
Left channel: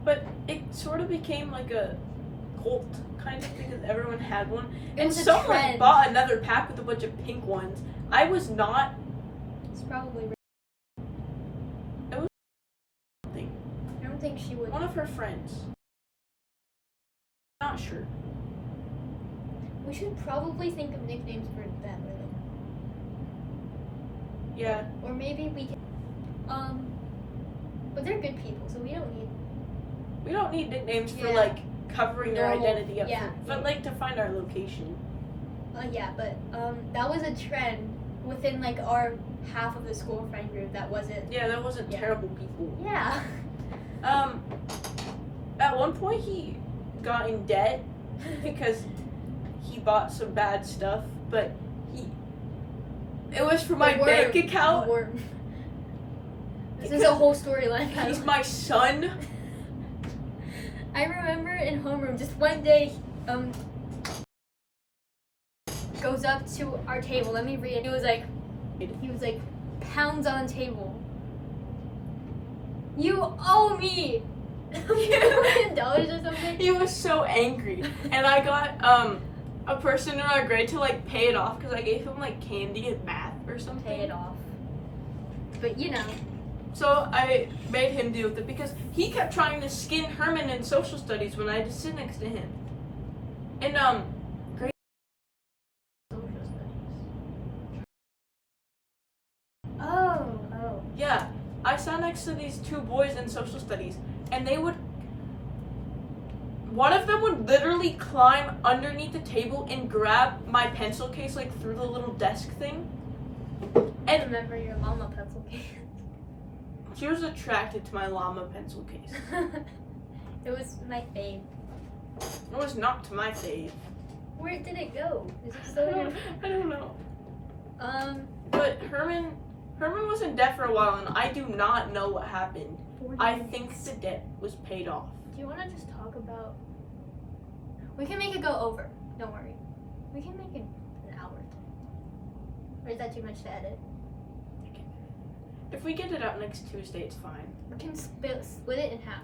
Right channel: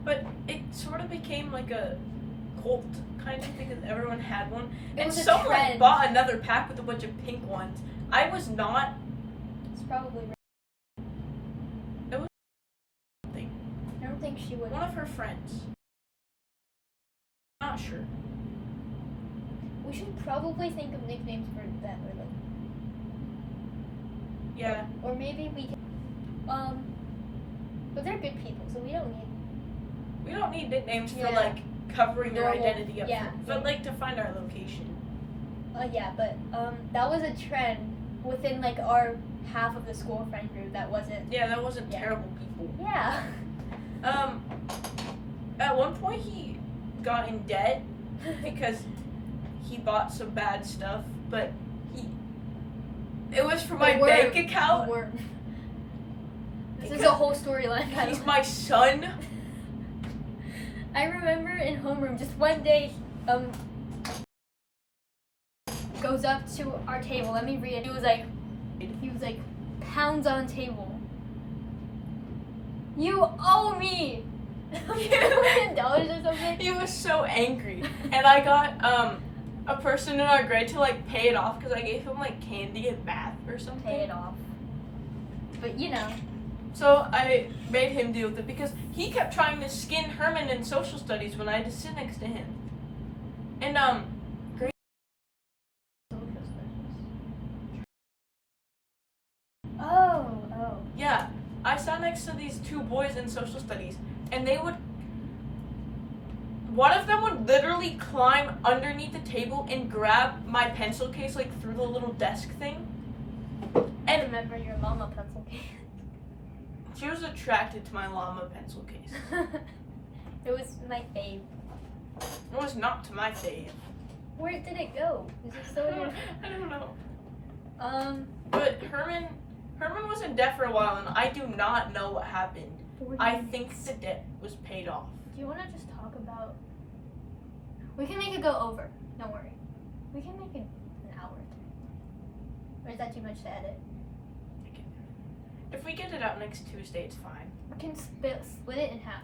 But it sort of became like a cult kind of thing, because everyone had one. And someone bought another pack with a bunch of pink ones. I was not. It's probably. It was something. I don't think she would. One of her friends. Not sure. We should probably think of nicknames for them, or like. Yeah. Or maybe we can. But they're good people, so we don't need. We don't need nicknames for like covering their identity up, yeah. But like to find our location. Yeah, but that was a trend within like our half of the school friend group that wasn't. Yeah, that wasn't terrible people. Yeah. At one point he got in debt because he bought some bad stuff, but it was for my bank account. The worm. This is a whole storyline. He's my son. I remember in homeroom, just one day, goes up to our table. Let me read it. He was like, pounds on table. You owe me $1 million or something. He was so angry, and I got a person in our grade to like pay it off because I gave him like candy and math or something. Pay it off. But you know. So I made him deal with it because he kept trying to skin Herman in social studies when I just sit next to him. And great social studies. Oh. Yeah, I sat next to these two boys in social studies, and one of them would literally climb underneath the table and grab my pencil case like through the little desk thing. I remember your llama pencil case. She was attracted to my llama pencil case. It was my fave. It was not to my fave. Where did it go? Is it still I don't know. But Herman was in debt for a while, and I do not know what happened. I think the debt was paid off. Do you want to just talk about? We can make it go over. Don't worry. We can make it an hour or two. Or is that too much to edit? If we get it out next Tuesday, it's fine. We can split it in half.